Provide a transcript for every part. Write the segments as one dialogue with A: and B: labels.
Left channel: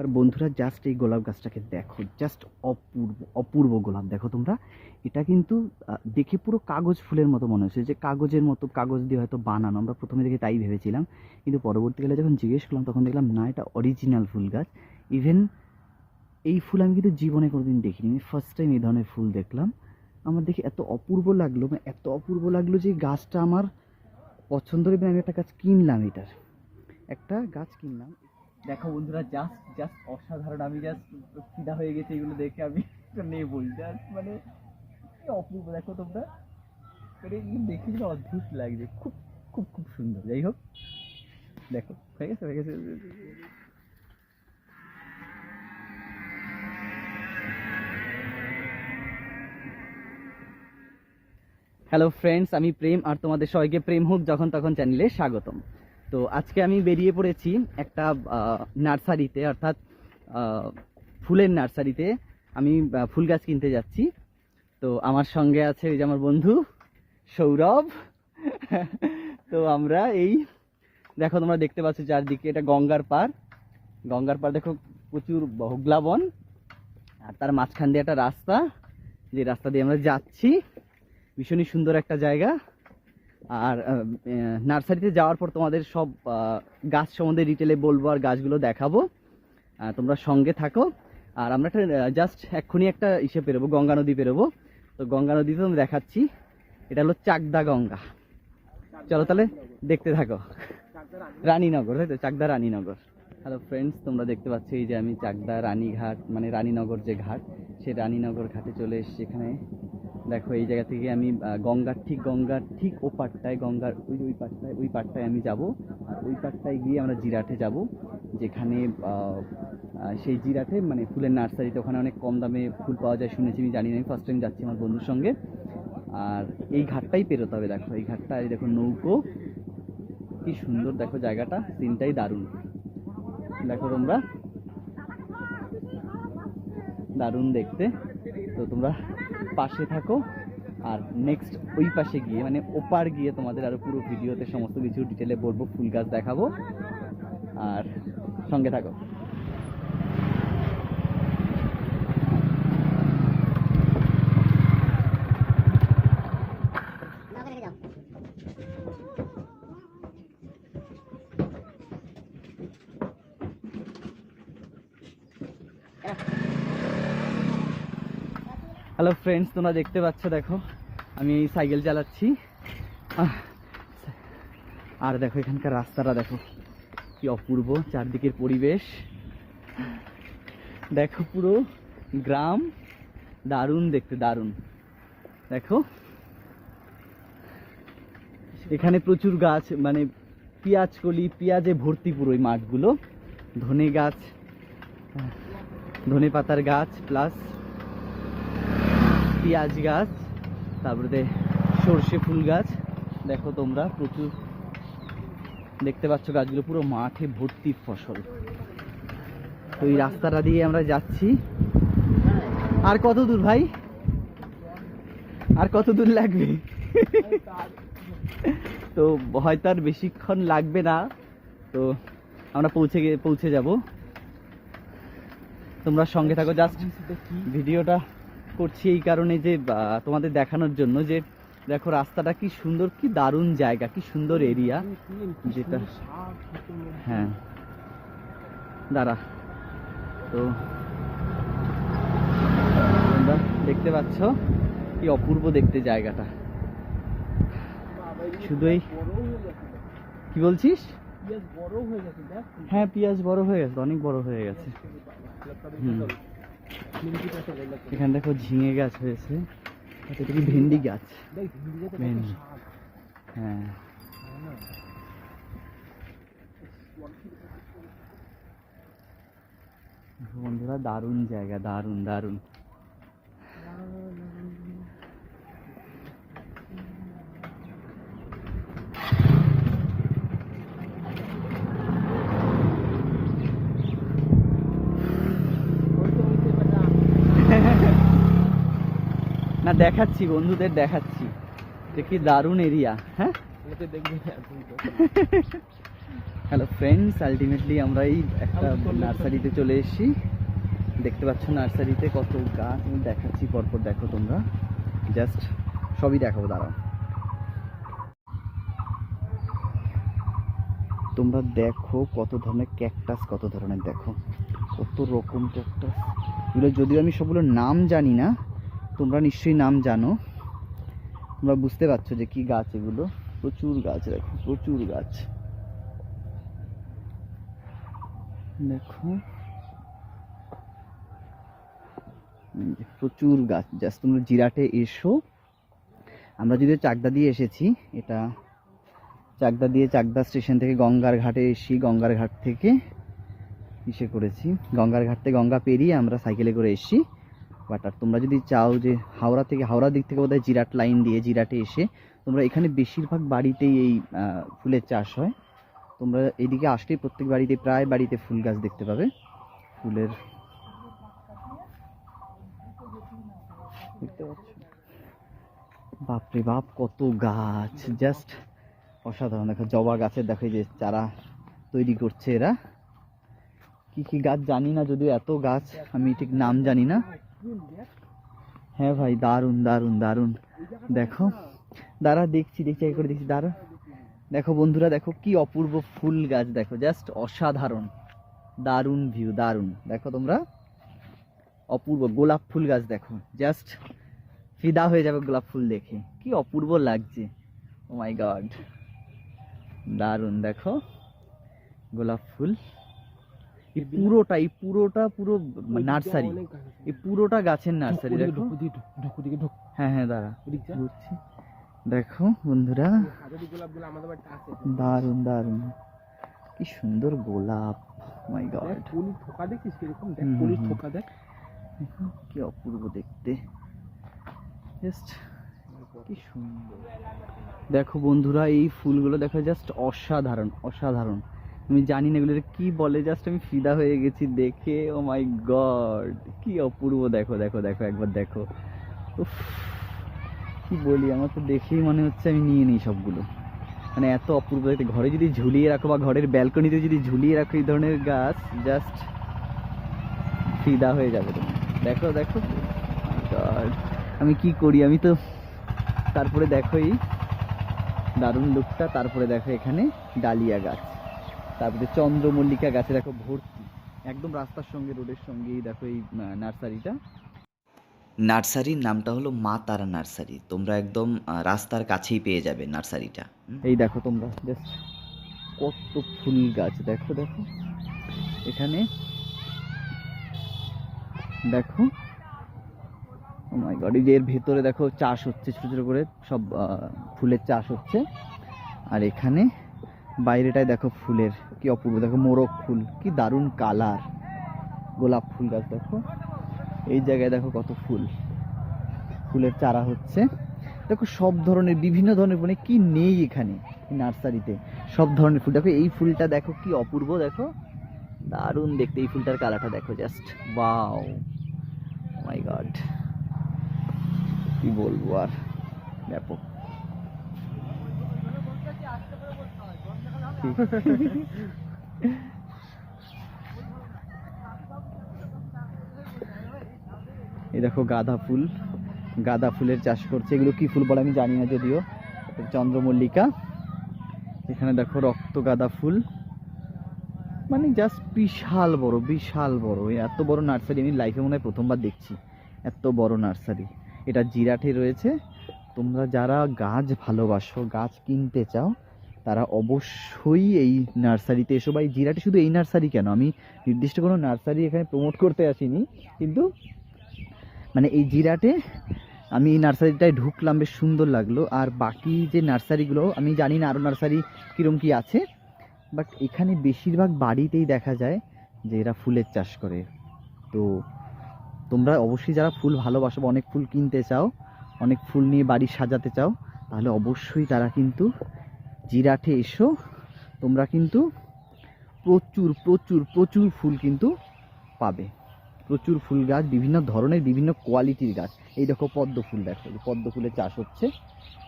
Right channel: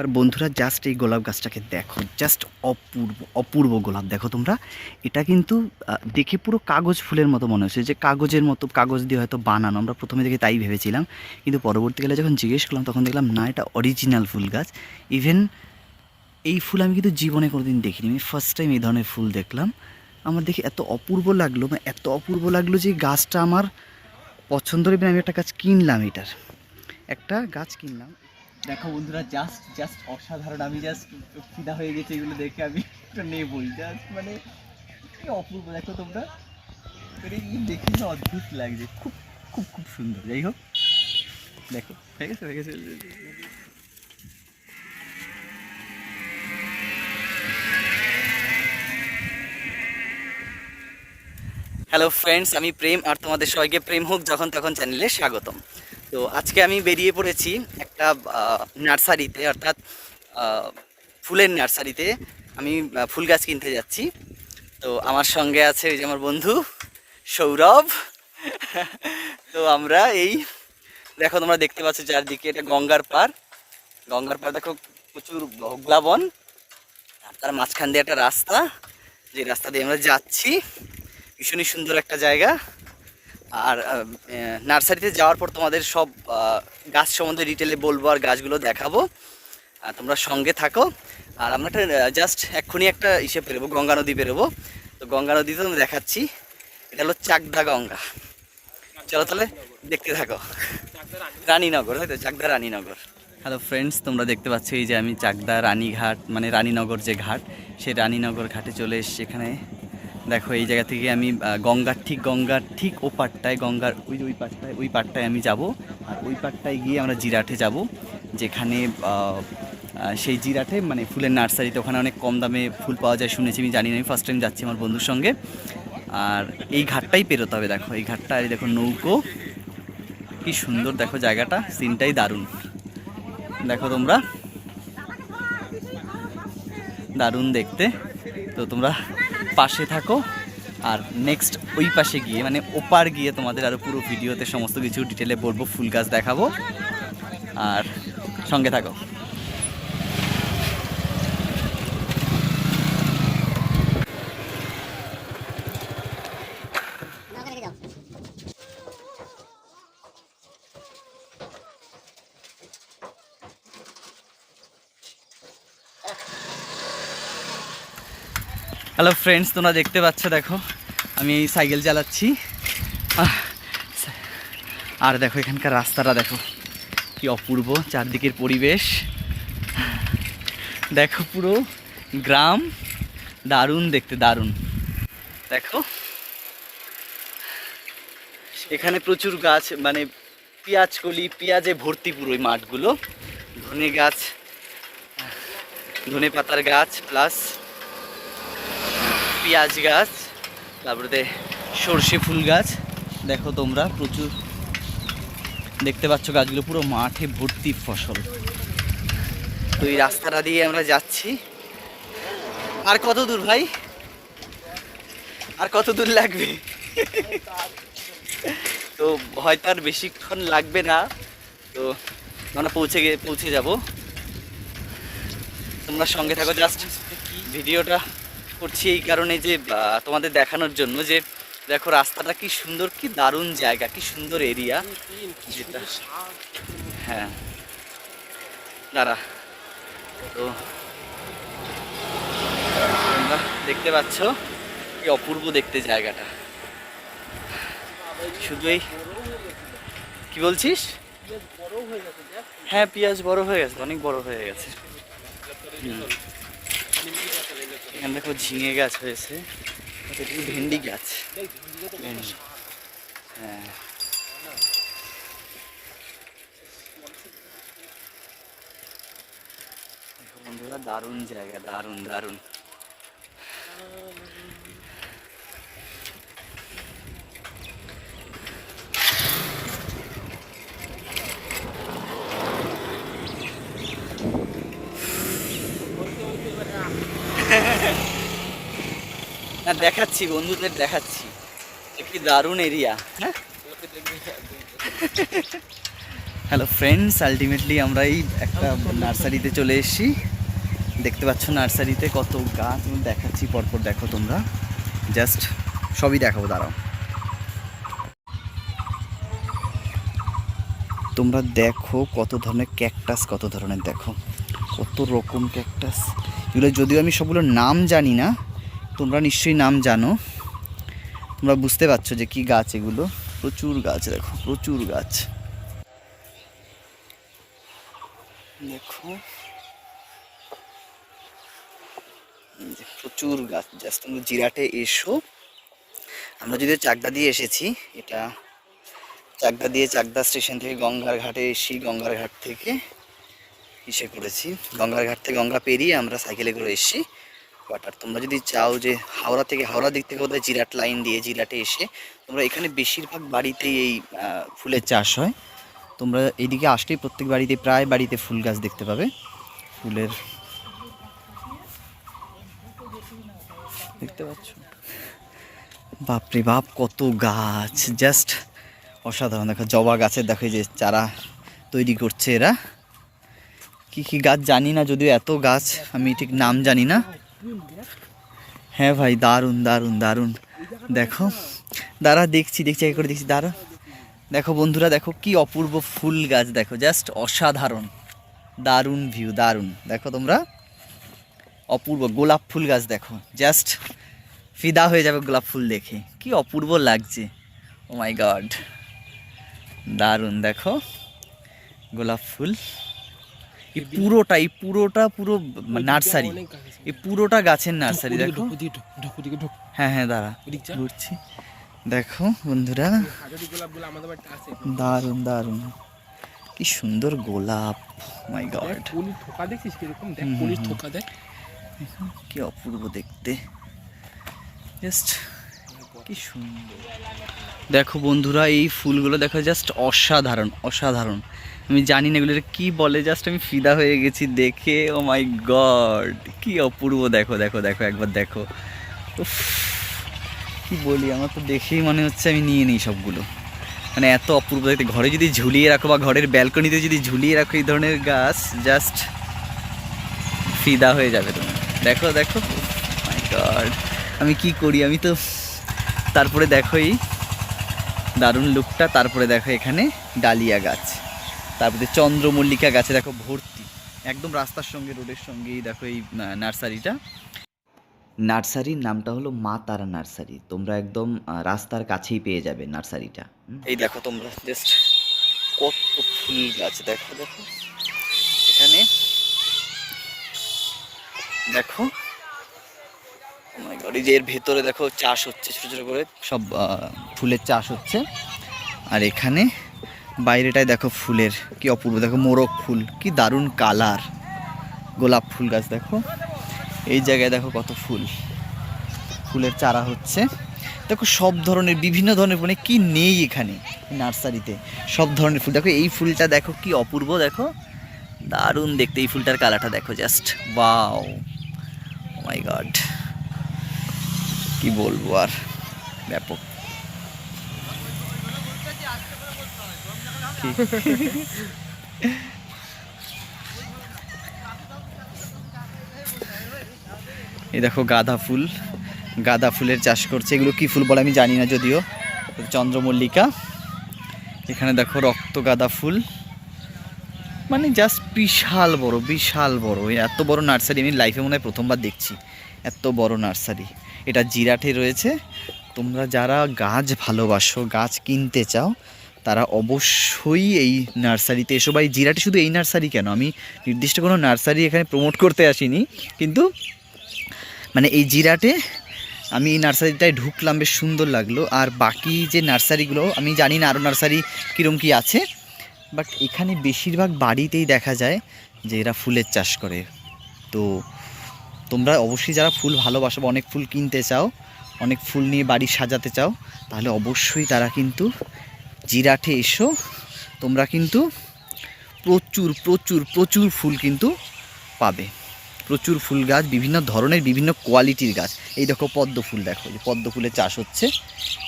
A: আর বন্ধুরা জাস্ট এই গোলাপ গাছটাকে দেখো জাস্ট অপূর্ব অপূর্ব গোলাপ। দেখো তোমরা, এটা কিন্তু দেখে পুরো কাগজ ফুলের মতো মনে হচ্ছে। যে কাগজের মতো, কাগজ দিয়ে হয়তো বানানো, আমরা প্রথমে দেখে তাই ভেবেছিলাম। কিন্তু পরবর্তীকালে যখন জিজ্ঞেস করলাম, তখন দেখলাম, না, এটা অরিজিনাল ফুল গাছ। ইভেন এই ফুল আমি কিন্তু জীবনে কোনোদিন দেখিনি। আমি ফার্স্ট টাইম এই ধরনের ফুল দেখলাম। আমার দেখে এত অপূর্ব লাগল মানে এত অপূর্ব লাগল যে গাছটা আমার পছন্দ হবে আমি একটা গাছ কিনলাম এটার। একটা গাছ কিনলাম। দেখো বন্ধুরা জাস্ট জাস্ট অসাধারণ। আমি জাস্ট ফিদা হয়ে গেছে, এগুলো দেখে আমি একটা নেবই। জাস্ট মানে অপূর্ব, দেখো তোমরা। মানে দেখে না অদ্ভুত লাগছে। খুব খুব খুব সুন্দর। যাই হোক, দেখো, হয়ে গেছে হয়ে গেছে। হ্যালো ফ্রেন্ডস আমি প্রেম, আর তোমাদের সবাইকে প্রেম হোক, যখন তখন চ্যানেলে স্বাগতম। তো আজকে আমি বেরিয়ে পড়েছি একটা নার্সারিতে, অর্থাৎ ফুলের নার্সারিতে। আমি ফুল গাছ কিনতে যাচ্ছি। তো আমার সঙ্গে আছে ওই যে আমার বন্ধু সৌরভ। তো আমরা এই, দেখো তোমরা দেখতে পাচ্ছ চারদিকে, এটা গঙ্গার পার গঙ্গার পার দেখো প্রচুর বন। আর তার মাঝখান দিয়ে একটা রাস্তা। যে রাস্তা দিয়ে আমরা যাচ্ছি। ভীষণই সুন্দর একটা জায়গা। আর নার্সারিতে যাওয়ার পর তোমাদের সব গাছ সম্বন্ধে ডিটেলে বলব আর গাছগুলো দেখাবো। তোমরা সঙ্গে থাকো। আর আমরা একটা জাস্ট এক্ষুনি একটা ইসে পেরোবো, গঙ্গা নদী পেরোবো। তো গঙ্গা নদীতে আমি দেখাচ্ছি। এটা হলো চাকদা গঙ্গা। চলো তাহলে দেখতে থাকো। রানীনগর, তাই তো? চাকদা রানীনগর। হ্যালো ফ্রেন্ডস তোমরা দেখতে পাচ্ছ এই যে আমি চাকদা রানীঘাট মানে রানীনগর যে ঘাট, সেই রানীনগর ঘাটে চলে এসেছি। এখানে দেখো, এই জায়গা থেকে আমি গঙ্গার ঠিক গঙ্গার ঠিক ও পাটটায় গঙ্গার ওই ওই পাটটায় ওই পাটটায় আমি যাব। আর ওই পাটটায় গিয়ে আমরা জিরাটে যাব, যেখানে সেই জিরাটে মানে ফুলের নার্সারিতে, ওখানে অনেক কম দামে ফুল পাওয়া যায় শুনেছি, আমি জানি না, আমি ফার্স্ট টাইম যাচ্ছি আমার বন্ধুর সঙ্গে। আর এই ঘাটটাই পেরোতে হবে, দেখো, এই ঘাটটা আর দেখো নৌকো। কি সুন্দর, দেখো জায়গাটা সিনটাই দারুণ। দেখো তোমরা, দারুণ দেখতে। তো তোমরা পাশে থাকো। আর নেক্সট ওই পাশে গিয়ে মানে ওপার গিয়ে তোমাদের আরও পুরো ভিডিওতে সমস্ত কিছু ডিটেলে বলব, ফুল গাছ দেখাবো। আর সঙ্গে থাকো। হ্যালো ফ্রেন্ডস তোমরা দেখতে পাচ্ছ, দেখো, আমি সাইকেল চালাচ্ছি। আর দেখো, এখানকার রাস্তাটা দেখো, কি অপূর্ব চারদিকের পরিবেশ। দেখো পুরো গ্রাম দারুণ, দেখতে দারুণ। দেখো, এখানে প্রচুর গাছ মানে পেঁয়াজ কলি, পেঁয়াজে ভর্তি পুরো এই মাঠগুলো। ধনে গাছ ধনে পাতার গাছ প্লাস পেঁয়াজ গাছ তারপরে সর্ষে ফুল গাছ দেখো তোমরা প্রচুর দেখতে পাচ্ছ গাছগুলো পুরো মাঠে ভর্তি ফসল তো এই রাস্তাটা দিয়ে আমরা যাচ্ছি আর কত দূর ভাই আর কত দূর লাগবে তো হয়তো আর বেশিক্ষণ লাগবে না তো আমরা পৌঁছে গে পৌঁছে যাব তোমরা সঙ্গে থাকো জাস্ট ভিডিওটা করছি এই কারণে যে তোমাদের দেখানোর জন্য যে দেখো রাস্তাটা কি সুন্দর কি দারুণ জায়গা কি সুন্দর এরিয়া যেটা হ্যাঁ। দাঁড়া। তো তোমরা দেখতে পাচ্ছ কি অপূর্ব দেখতে জায়গাটা। শুধু এই কি বলছিস? হ্যাঁ পেঁয়াজ বড় হয়ে গেছে অনেক বড় হয়ে গেছে। হুম। এখানে দেখো ঝিঙে গাছ হয়েছে। ভেন্ডি গাছ? হ্যাঁ। বন্ধুরা দারুণ জায়গা দারুণ দারুণ। না, দেখাচ্ছি, বন্ধুদের দেখাচ্ছি। যে কি দারুণ এরিয়া হ্যাঁ? হ্যালো ফ্রেন্ডস আলটিমেটলি আমরা এই একটা নার্সারিতে চলে এসেছি। দেখতে পাচ্ছ নার্সারিতে কত গাছ দেখাচ্ছি, পরপর দেখো তোমরা। জাস্ট সবই দেখাবো, দাঁড়াও। তোমরা দেখো কত ধরনের ক্যাকটাস কত ধরনের দেখো। কত রকম ক্যাকটাস এগুলো যদিও আমি সবগুলোর নাম জানি না তোমরা নিশ্চয়ই নাম জানো। তোমরা বুঝতে পারছ যে কি গাছ এগুলো? প্রচুর গাছ, দেখো, প্রচুর গাছ। দেখো। প্রচুর গাছ, জাস্ট তোমরা জিরাটে এসো। আমরা যদিও চাকদা দিয়ে এসেছি, এটা চাকদা দিয়ে চাকদা স্টেশন থেকে গঙ্গার ঘাটে এসি গঙ্গার ঘাট থেকে ইসে করেছি। গঙ্গার ঘাট থেকে গঙ্গা পেরিয়ে আমরা সাইকেলে করে এসেছি। বাট আর তোমরা যদি চাও যে হাওড়া থেকে হাওড়া দিক থেকে বোধহয় জিরাট লাইন দিয়ে জিরাটে এসে তোমরা এখানে বেশিরভাগ বাড়িতেই এই ফুলের চাষ হয়। তোমরা এইদিকে আসলেই প্রত্যেক বাড়িতে, প্রায় বাড়িতে ফুল গাছ দেখতে পাবে। ফুলের দেখতে পাচ্ছ? বাপরে বাপ, কত গাছ! জাস্ট অসাধারণ। দেখো, জবা গাছের দেখো যে চারা তৈরি করছে এরা। কি কি গাছ জানি না, যদিও এত গাছ আমি ঠিক নাম জানি না। হ্যাঁ ভাই, দারুণ দারুণ দারুণ। দেখো, দাঁড়া, দেখছি দেখছি, এক করে দেখছি, দাঁড়া। দেখো বন্ধুরা, দেখো কি অপূর্ব ফুল গাছ, দেখো জাস্ট অসাধারণ। দারুণ ভিউ দারুণ। দেখো তোমরা, অপূর্ব গোলাপ ফুল গাছ, দেখো। জাস্ট ফিদা হয়ে যাবে গোলাপ ফুল দেখে। কি অপূর্ব লাগছে। ও মাই গড দারুণ, দেখো। গোলাপ ফুল। এই পুরোটা এই পুরোটা পুরো নার্সারি। এই পুরোটা গাছের নার্সারি দেখো। হ্যাঁ হ্যাঁ দাঁড়া। ঘুরছি। দেখো বন্ধুরা। দারুণ দারুণ। কি সুন্দর গোলাপ। মাই
B: দেখ
A: গড
B: কলির থোকা দেখছিস কীরকম? দেখ
A: হুম, হুম,
B: কলির
A: হুম।
B: থোকা দেখ।
A: কি অপূর্ব দেখতে। জাস্ট কি সুন্দর। দেখো বন্ধুরা, এই ফুলগুলো দেখো জাস্ট অসাধারণ অসাধারণ। আমি জানি না এগুলোর কি বলে জাস্ট আমি ফিদা হয়ে গেছি দেখে ও মাই গড কি অপূর্ব। দেখো দেখো দেখো, একবার দেখো। কি বলি, আমার তো দেখেই মনে হচ্ছে আমি নিয়ে নিই সবগুলো। মানে এত অপূর্ব, দেখতে ঘরে যদি ঝুলিয়ে রাখো বা ঘরের ব্যালকনিতে যদি ঝুলিয়ে রাখো এই ধরনের গাছ জাস্ট ফিদা হয়ে যাবে তুমি। দেখো দেখো মাই গড আমি কি করি, আমি তো, তারপরে দেখো এই দারুণ লুকটা। তারপরে দেখো এখানে ডালিয়া গাছ। তারপরে চন্দ্রমল্লিকা গাছে দেখো ভর্তি। একদম রাস্তার সঙ্গে, রোডের সঙ্গেই দেখো এই নার্সারিটা। নার্সারির নামটা হলো মা তারা নার্সারি। তোমরা একদম রাস্তার কাছেই পেয়ে যাবে নার্সারিটা। এই দেখো তোমরা, জাস্ট কত ফুল গাছ। দেখো দেখো। এখানে দেখো এই যে এর ভেতরে দেখো চাষ হচ্ছে ছোটো ছোটো করে, সব ফুলের চাষ হচ্ছে। আর এখানে বাইরেটায় দেখো ফুলের কি অপূর্ব, দেখো মোরগ ফুল, কি দারুণ কালার। গোলাপ ফুল গাছ দেখো। এই জায়গায় দেখো কত ফুল। ফুলের চারা হচ্ছে। দেখো সব ধরনের, বিভিন্ন ধরনের মানে কি নেই এখানে নার্সারিতে, সব ধরনের ফুল। দেখো এই ফুলটা দেখো কি অপূর্ব, দেখো। দারুণ দেখতে এই ফুলটার কালারটা দেখো, জাস্ট বাও মাই গড কি বলব আর? ব্যাপক? এই দেখো গাঁদা ফুল। গাঁদা ফুলের চাষ করছে। এগুলো কি ফুল বলে আমি জানি না যদিও। চন্দ্রমল্লিকা। এখানে দেখো রক্ত গাঁদা ফুল। মানে জাস্ট বিশাল বড় বিশাল বড়। এত বড় নার্সারি আমি লাইফে মনে হয় প্রথমবার দেখছি। এত বড় নার্সারি। এটা জিরাটে রয়েছে। তোমরা যারা গাছ ভালোবাসো, গাছ কিনতে চাও, তারা অবশ্যই এই নার্সারিতে এসো। বা এই জিরাটে শুধু এই নার্সারি কেন? আমি নির্দিষ্ট কোনো নার্সারি এখানে প্রমোট করতে আসিনি, কিন্তু মানে এই জিরাটে আমি এই নার্সারিটায় ঢুকলাম, বেশ সুন্দর লাগল। আর বাকি যে নার্সারিগুলো, আমি জানি না আরও নার্সারি কীরকম কী আছে, বাট এখানে বেশিরভাগ বাড়িতেই দেখা যায় যে এরা ফুলের চাষ করে। তো তোমরা অবশ্যই যারা ফুল ভালোবাসো অনেক ফুল কিনতে চাও, অনেক ফুল নিয়ে বাড়ি সাজাতে চাও, তাহলে অবশ্যই তারা কিন্তু জিরাটে এসো। তোমরা কিন্তু প্রচুর প্রচুর প্রচুর ফুল কিন্তু পাবে। প্রচুর ফুল গাছ, বিভিন্ন ধরনের, বিভিন্ন কোয়ালিটির গাছ। এই দেখো পদ্ম ফুল দেখো পদ্ম ফুলের চাষ হচ্ছে।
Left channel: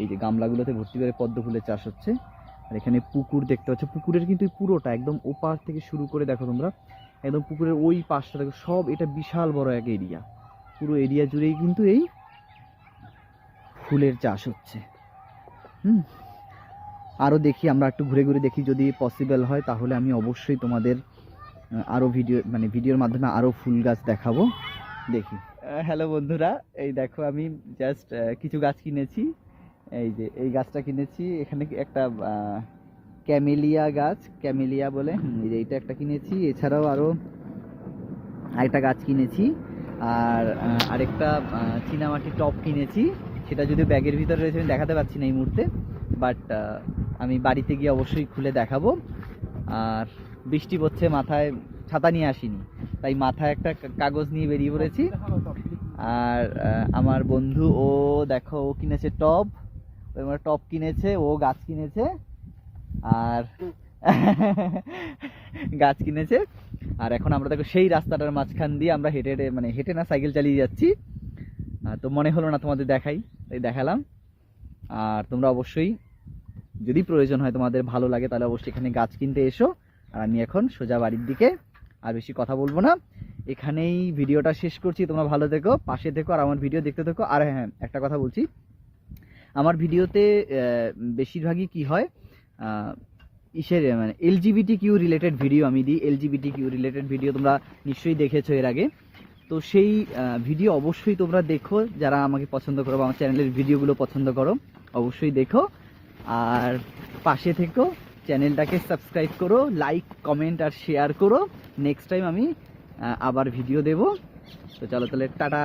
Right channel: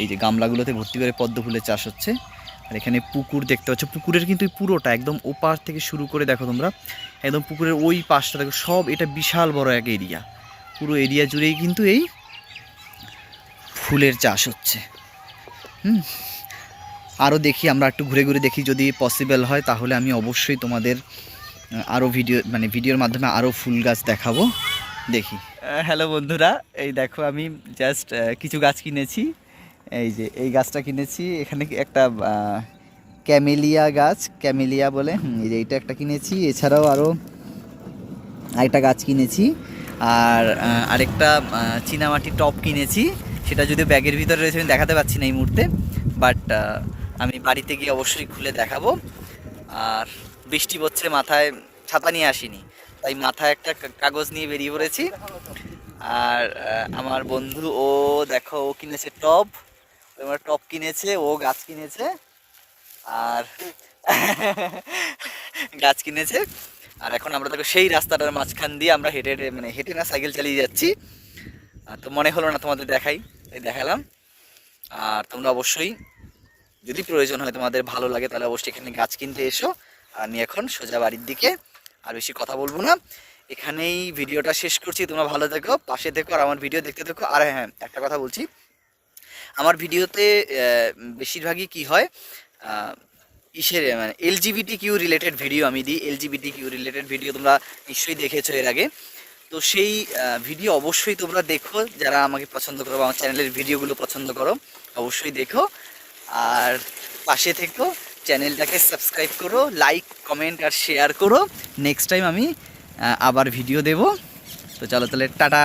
A: এই যে গামলাগুলোতে ভর্তি করে পদ্ম ফুলের চাষ হচ্ছে। আর এখানে পুকুর দেখতে পাচ্ছ। পুকুরের কিন্তু পুরোটা একদম ওপার থেকে শুরু করে দেখো তোমরা। একদম পুকুরের ওই পাশটা দেখো, সব এটা বিশাল বড় এক এরিয়া। পুরো এরিয়া জুড়েই কিন্তু এই ফুলের চাষ হচ্ছে। হুম। আরও দেখি, আমরা একটু ঘুরে ঘুরে দেখি যদি পসিবল হয়, তাহলে আমি অবশ্যই তোমাদের আরও ভিডিও মানে ভিডিওর মাধ্যমে আরও ফুল গাছ দেখাবো। দেখি। হ্যালো বন্ধুরা, এই দেখো আমি জাস্ট কিছু গাছ কিনেছি। এই যে এই গাছটা কিনেছি। এখানে একটা ক্যামেলিয়া গাছ ক্যামেলিয়া বলে। এই যে এইটা একটা কিনেছি। এছাড়াও আরও আরেকটা গাছ কিনেছি। আর আরেকটা আহ, চীনামাটি টপ কিনেছি। সেটা যদি ব্যাগের ভিতরে রয়েছে আমি দেখাতে পাচ্ছি না এই মুহূর্তে। বাট আমি বাড়িতে গিয়ে অবশ্যই খুলে দেখাবো। আর বৃষ্টি পড়ছে মাথায় ছাতা নিয়ে আসিনি। তাই মাথায় একটা কাগজ নিয়ে বেরিয়ে পড়েছি। আর আমার বন্ধু ও দেখো ও কিনেছে টপ। আমার টপ কিনেছে, ও গাছ কিনেছে, আর গাছ কিনেছে। আর এখন আমরা দেখো সেই রাস্তাটার মাঝখান দিয়ে আমরা হেঁটে হেঁটে মানে হেঁটে না সাইকেল চালিয়ে যাচ্ছি। তো মনে হলো না তোমাদের দেখাই, এই দেখালাম। আর তোমরা অবশ্যই যদি প্রয়োজন হয় তোমাদের ভালো লাগে, তাহলে অবশ্যই এখানে গাছ কিনতে এসো। আর আমি এখন সোজা বাড়ির দিকে আর বেশি কথা বলব না। এখানেই ভিডিওটা শেষ করছি, তোমরা ভালো থেকো, পাশে থেকো, আর আমার ভিডিও দেখতে থেকো। আর হ্যাঁ একটা কথা বলছি। আমার ভিডিওতে বেশিরভাগই কি হয় ইসের মানে এলজিবিটি কিউ রিলেটেড ভিডিও আমি দিই। এলজিবিটি কিউ রিলেটেড ভিডিও তোমরা নিশ্চয়ই দেখেছ এর আগে। তো সেই ভিডিও অবশ্যই তোমরা দেখো। যারা আমাকে পছন্দ করো বা আমার চ্যানেলের ভিডিওগুলো পছন্দ করো, অবশ্যই দেখো। আর পাশে থেকো, চ্যানেলটাকে সাবস্ক্রাইব করো লাইক কমেন্ট আর শেয়ার করো। নেক্সট টাইম আমি আবার ভিডিও দেব। তো চলো তাহলে, টাটা।